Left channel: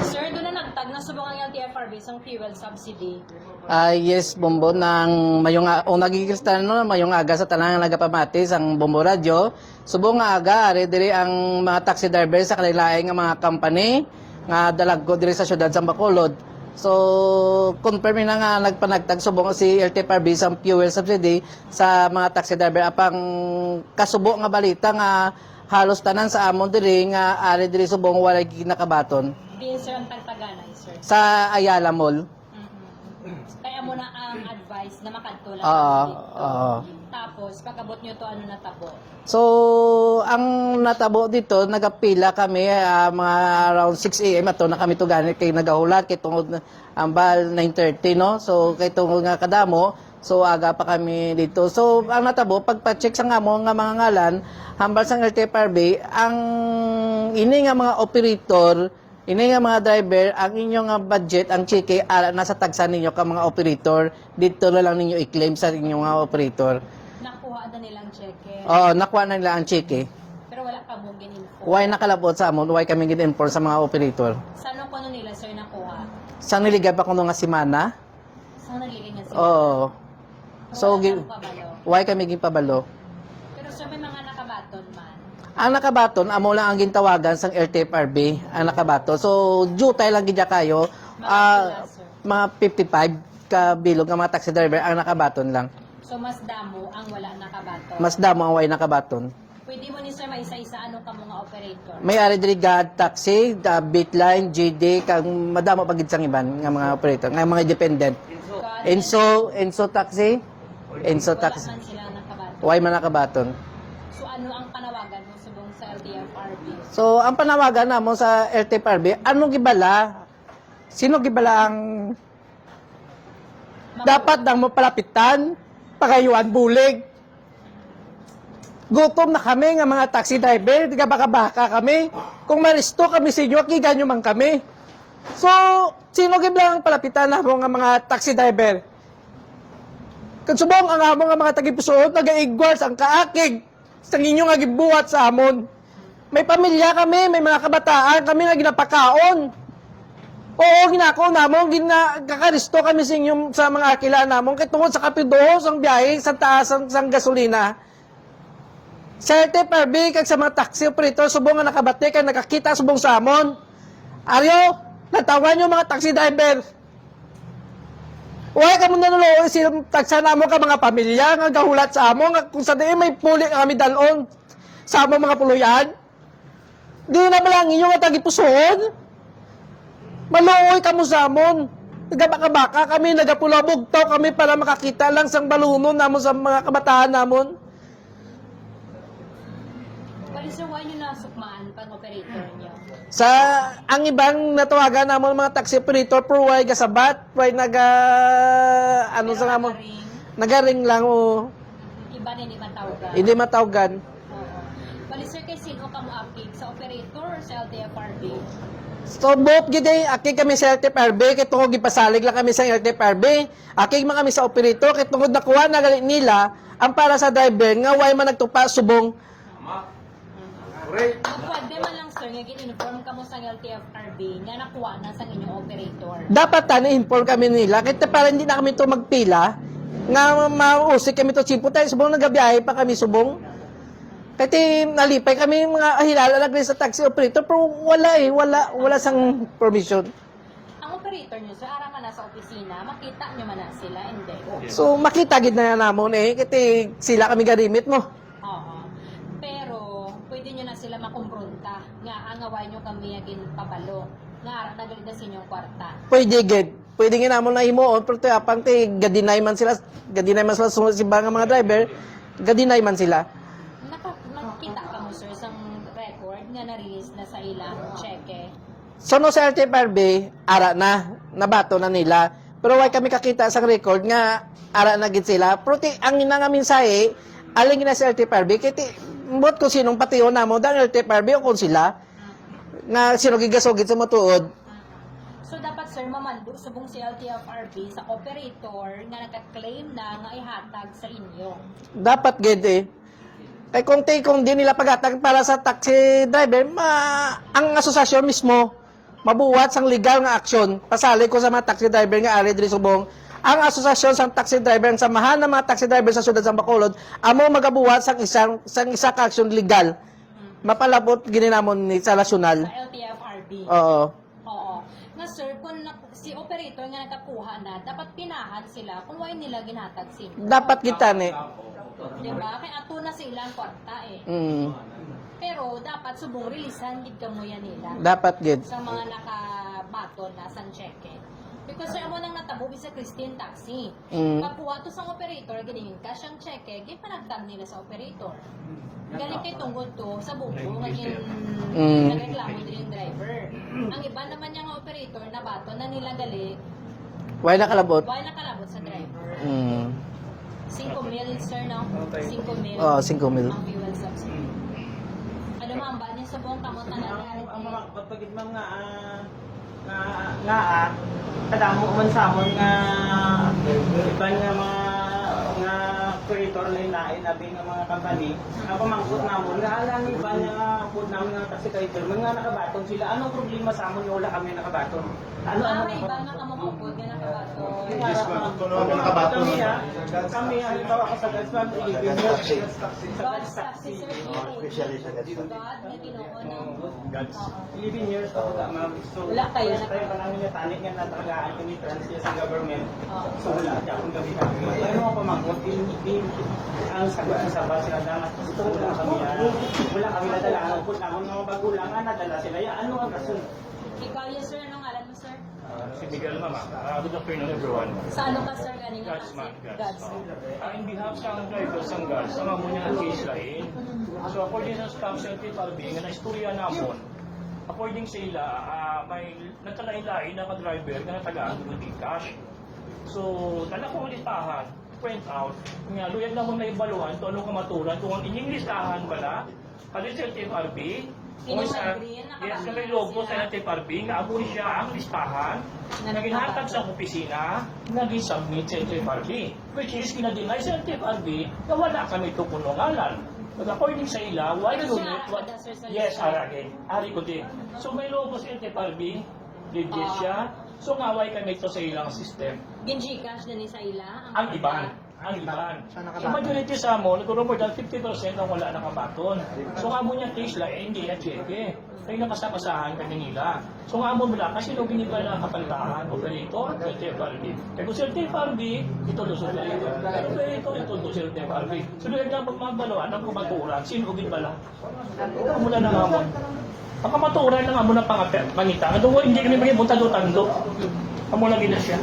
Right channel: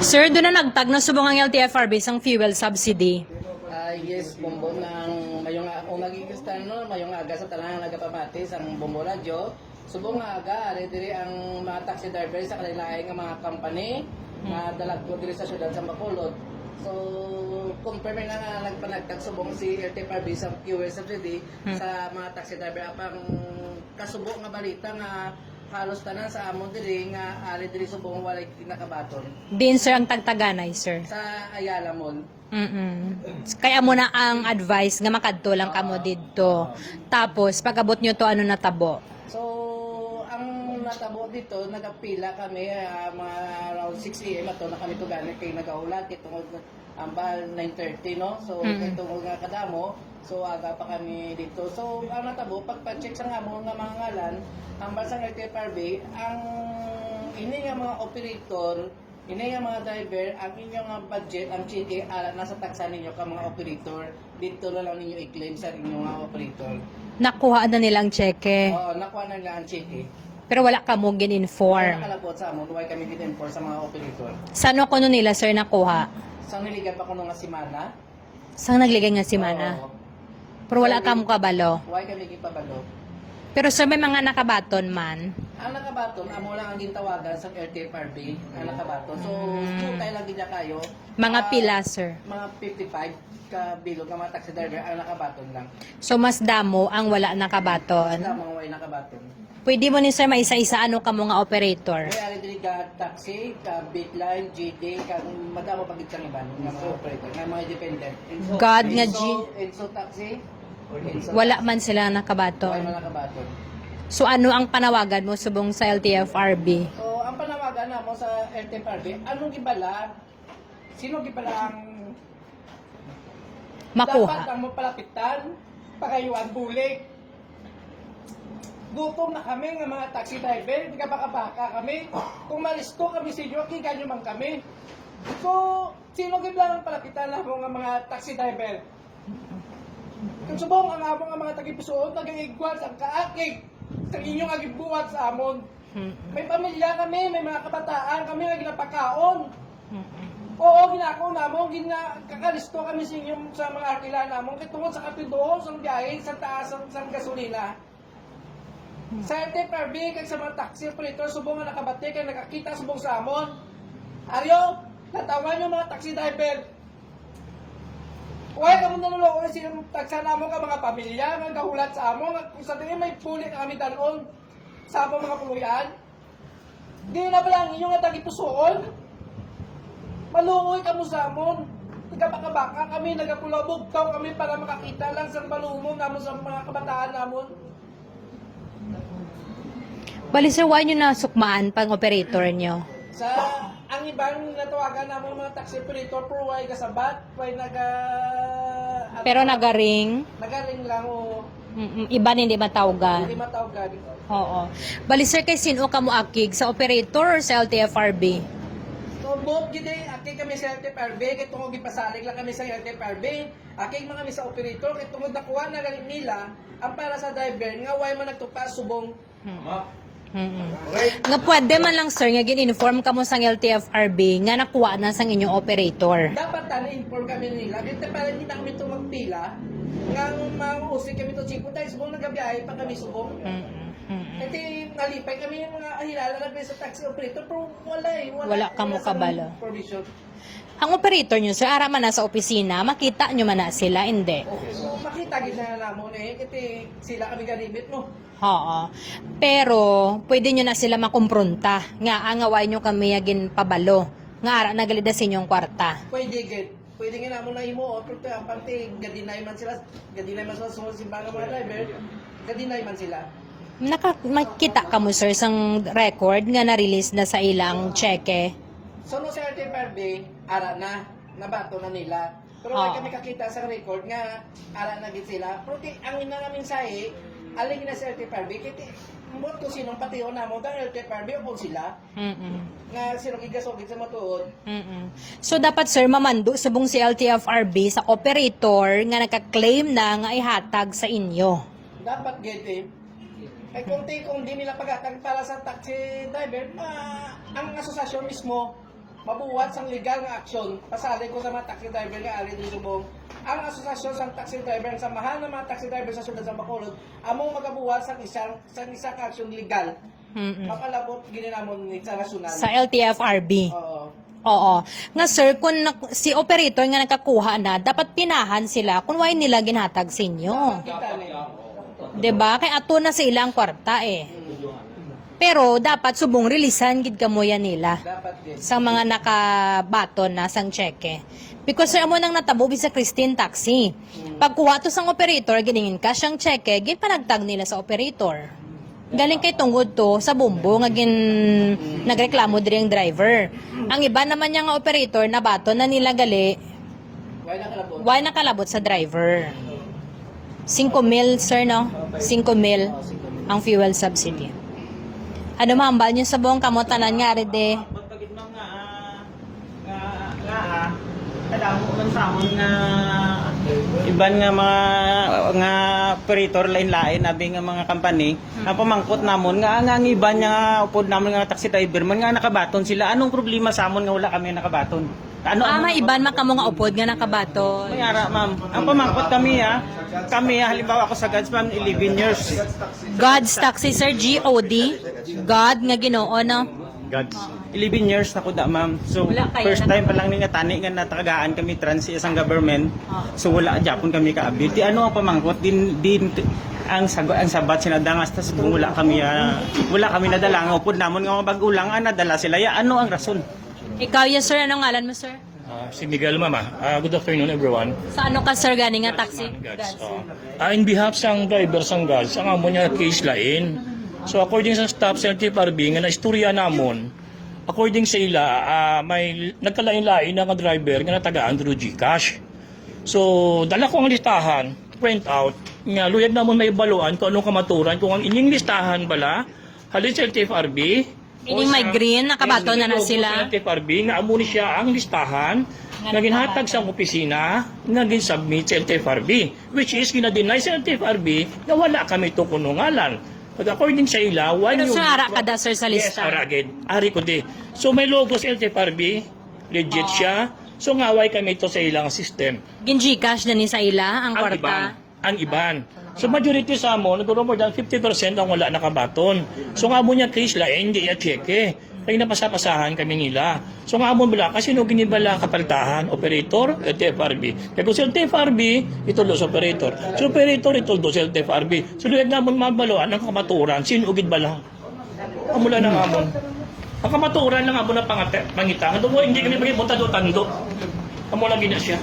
Sir, doon na nagtag na subong ang LTFRB sang fuel subsidy. Yes, Bombo, nang mayong o nagikistan no, mayong aga sa tanang nagapamati sang Bombo Radyo. Subong nga aga, ari diri ang mga taxi driver sa kanilaing nga mga company nga dalaggo diri sa syudad sa Bacolod. So, confirm na nga nagpanagtag subong si LTFRB sang fuel subsidy sa mga taxi driver apang kasubo nga balita nga halos tanan sa amon diri nga ari diri subong walay kinakabaton Din sir ang tagtaganay, sir. sa Ayala Mall. Kaya mo na ang advice nga makadto lang kamo dito. Tapos pagabot nyo to ano natabo. So, ang natabo dito, nagapila kami mga around 6 a.m. ato na kami to ganit kay nagahulat kay tungod ang bal 9:30 no. So, kay tungod nga kadamo, so aga pa kami dito. So, ang natabo pagpa-check sa ngamo nga mga ngalan, hambal sa LTFRB, ang ini nga mga operator, ini nga mga driver, ang inyong nga budget, ang chike, nasa tagsa ninyo ka mga operator, dito na lang ninyo i-claim sa inyong mga operator. Nakuha na nilang cheque. Oo, nakuha na nila ang chike. Pero wala ka mo gin-inform. Why nakalabot sa amon, why kami gin-inform sa mga operator. Sano ko nila, sir, nakuha? Sa niligab ako nung nga simana. Sang nagligay nga si Mana? Oo. Pero wala ka mo kabalo. Why kami gipabalo? Pero sir, may mga nakabaton man. Ang nakabaton, amo lang ang gintawagan sang LTFRB, ang nakabaton. So, jutay lang gidya kayo. Mga pila, sir. Mga 55 ka bilog nga mga taxi driver ang nakabaton lang. So, mas damo ang wala nakabaton. Mas damo ang way nakabaton. Pwede mo ni sir maisa-isa ano ka mga operator. May ari diri God Taxi, Bitline, GD, kang madamo pagid sang iban nga mga operator, nga mga independent. God nga Enso Taxi. Enso wala Taxi. man sila nakabaton. Why man nakabaton? So ano ang panawagan mo subong sa LTFRB? So, ang panawagan namo sa LTFRB, ano gibala? Sino gibala ang Makuha. dapat nang mapalapitan, pagayuan bulig? Gutom na kami nga mga taxi driver, tiga baka-baka kami. Kung maristo kami sa inyo, kiganyo man kami. So, sino gibala ang palapitan namo nga mga taxi driver? Kansubong ang among nga mga tagipusood, nagaigwas ang kaakig sa inyo nga gibuhat sa amon. May pamilya kami, may mga kabataan kami nga ginapakaon. Oo, ginako namon, kakaristo kami sa inyo sa mga akila namon kay tungod sa kapidohos ang biyahe sa taas ang gasolina. Sa LTFRB kag sa mga taxi operator subong nga nakabati kay nakakita subong sa amon. Aryo, natawan yung mga taxi driver. Uy, kamo nanuloy silang tagsa namo ka mga pamilya nga gahulat sa amo nga kung sa diin may puli kami dalon sa among mga puluyan. Di na ba lang inyo nga tagipusoon? Maluoy kamo sa amon. Nagabaka-baka kami, nagapulabugtaw kami para makakita lang sang balunon namon sa mga kabataan namon. Bali sir, why nyo nasukmaan pang operator nyo? Sa ang ibang natawagan namon mga taxi operator pero why gasabat, why ano Pero sa namon? nagaring, Nagaring lang o iba hindi matawgan. hindi matawagan. Oo. Bali sir, kay sino ka mo akig? Sa operator or sa LTFRB? So, both gid aki kami sa LTFRB, kay tungod gipasalig lang kami sa LTFRB. Aki mga kami sa operator, kay tungod nakuha na nila ang para sa driver nga why man nagtupa subong. Nga pwede man lang sir, nga gin-inform ka mo sa LTFRB nga nakuha na sang inyong operator. Dapat inform kami nila, kaya para hindi na kami to magpila, nga mausik kami to simpo tayo, subong nagabiyahe pa kami subong. Kaya nalipay kami mga hilala lang rin sa taxi operator, pero wala sang kabalo. permission. Ang operator nyo, sir, ara man na sa opisina, makita nyo man na sila, hindi. So, makita gid na namon kaya sila kami garimit mo. Oo. Pero, pwede nyo na sila makumpronta. Nga, angaway nyo kami yagin pabalo. Nga, ara, nagalida sa inyong kwarta. Pwede gid. Pwede nga namon na himuon, pero apang gadinay man sila sunod si mga driver, gadinay man sila. Makita ka mo, sir, sang record nga na-release na sa ilang cheque. So, no sa LTFRB, ara na, nabato na nila. Pero why kami kakita sa record nga, ara na gid sila. Pero ang ina nga mensahe, aling na sa LTFRB, kiti, mbot kung sinong patiyo na mo, dang LTFRB o kung sila, nga sino gigasogit sa matuod. So, dapat, sir, mamando subong si LTFRB sa operator nga nagka-claim na nga ihatag sa inyo. Dapat gid Kay kung di nila paghatag para sa taxi driver, ang asosasyon mismo mabuhat sang legal nga aksyon pasali ko sa mga taxi driver nga ari diri subong ang asosasyon sa taxi driver ang samahan ng mga taxi driver sa siyudad sa Bacolod amo magabuhat sang isa ka aksyon legal mapalabot gininamon ni sa nasyonal. Sa LTFRB. Oo. Oo. Nga sir, kung si operator nga nakakuha na, dapat pinahan sila kung why nila ginhatag sa inyo. Dapat kita ni. Diba? Kaya ato na sa ilang kwarta eh. Mm, Pero dapat subong rilisan gid kamo yan nila. dapat gid. Sa mga nakabaton na sang cheque. Because sir, amo nang natabo sa Christine Taxi. Pagkuha to sang operator, giningin ka siyang cheque, gin panagtag nila sa operator. Galing kay tungod to sa bumbo nga nagreklamo diri ang driver. Ang iba naman niya nga operator na bato na nila gali, Why nakalabot? why nakalabot sa driver. Mm. 5 mil sir no? 5 mil Oh, 5 mil. ang fuel subsidy. Ano mambal niyo sa buong kamotanan nga rin de? Pagpagid mga kadamo man sa amon nga iban nga mga operator lain-lain abi nga mga company na pamangkot namon nga ang iban nga upod namon nga taxi driver man nga nakabaton sila. Anong problema sa amon nga wala kami nakabaton? Ano Nga iban makamo nga upod nga nakabato. Yara, ma'am. Ang pamangkot kami halimbawa ako sa Gads ma'am 11 years. God's Taxi sir, G-O-D. God nga Ginoo no? Gads. 11 years na ko da ma'am. So Wala kayo first na- time pa lang ni nga tani nga natagagaan kami trans sa isang government. So wala Japon kami kaabi. Di ano ang pamangkot din ang sabat sinadangas tas wala kami nadala nga upod namon nga mga bagulang nadala sila. Ya ano ang rason? Ikaw yes sir, anong ngalan mo sir? Si Miguel Mama. Good afternoon everyone. Sa ano ka sir gani nga taxi? Gads. In behalf sang driver sang Gads, ang amo niya case lain. So according sa staff sa TFRB nga naistorya namon, according sa ila, may nagkalain-lain na nga driver nga natagaan through GCash. So dala ko ang listahan, print out, nga luyag namon may baluan kung anong kamaturan, kung ang inyong listahan bala, halin sa TFRB, Ining may green, nakabato na na sila. Sa TFRB, nga amo ni siya ang listahan na ginhatag sa opisina nga gin-submit sa TFRB, which is ginadeny sa TFRB na wala kami to kunungalan. But according sa ila, Pero sir, ara ka da sir sa Yes, lista. ara agad. Ari ko di. So may logo sa LTFRB, legit siya. So ngaway kami to sa ilang system. Gin Gcash na ni sa ila, ang Ang iban. kwarta. Ang iban. So majority sa amon, nagkaroon more than 50% ang wala nakabaton. So nga mo niya case la, hindi ya cheque. Kaya napasapasahan kami nila. So nga mo bala, kasi no kinibala kapaltahan, operator, LTFRB. Kaya kung sa LTFRB, ituldo sa operator. Sa operator, ituldo sa LTFRB. So luyag namon mabaloan ang kamaturan, sinugid bala. Kamula ng amon. Ang kamaturan ng amon ng pangitangan. Doon ko hindi kami maging buntado-tando. Amo lagi na siya.